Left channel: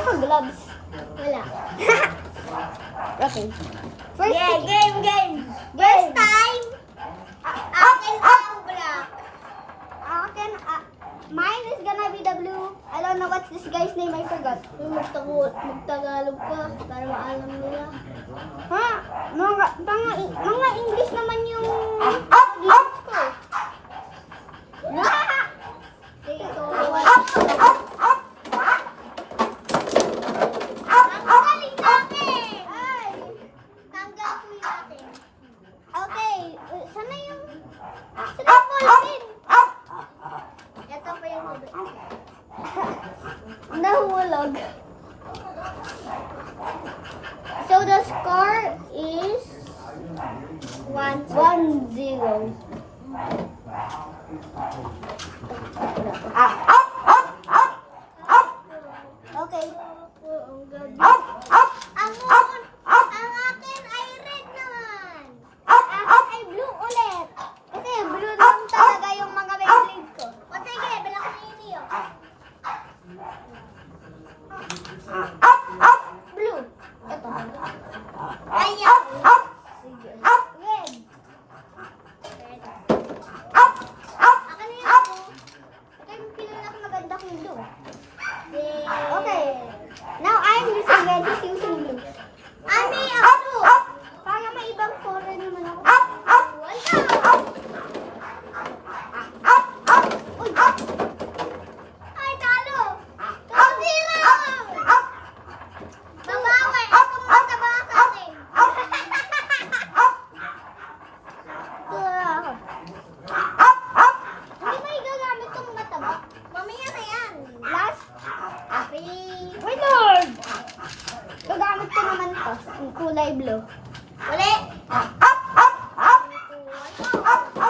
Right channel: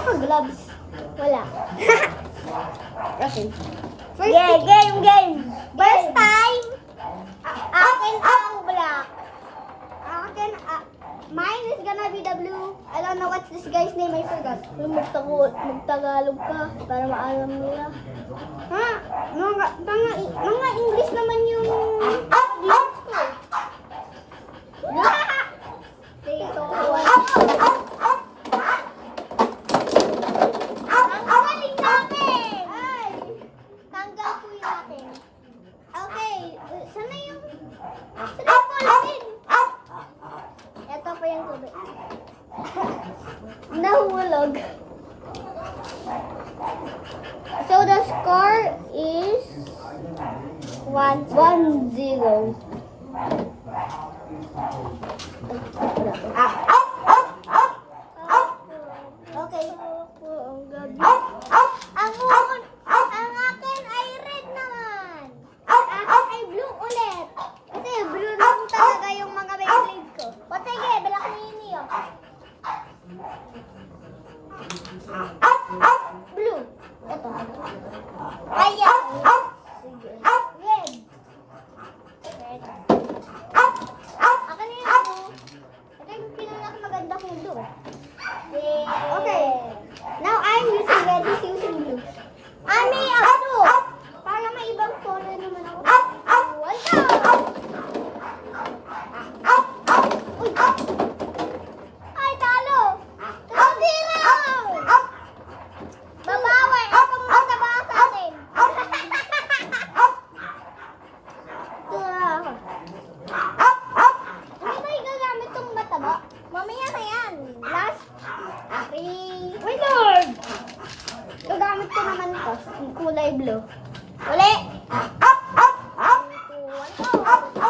ako gloves. Wala. Okay. First Game. First time, akin ang black. Akin, mine is gonna be the blue. I don't know what's this guy's name, I forgot. Magtagalog ka para maalam nila. Ha? Mga English naman yung words ko. Dito. Tanggalin natin! Ay! Tanggal po natin. Okay. Sana yung ballpen? Ito pa yung tubig. Nahulog. So the score is 1-0. Okay. Ang akin ay red naman. Ang akin ay blue ulit. Kasi blue lang talaga yung mga Beyblade ko. O sige, balak na yun yun. Blue. Ito. Ayan. Sige. Red. Akin na yun. Ito yung pinakamaganda kong blue. Okay. Now I'm using red. He's using blue. Ami, ako. Para may ibang color naman ako. Wala. Uy. Ay, talo. Talo. Babawi. Ako muna taba sa akin. Ito na ako. Hindi ba igagamit itong mataba? Mamaya na yan. Last 3. Wait, Lord! Gagamit ko naman ito. Kulay blue. Uli! 3, 2, 1, go!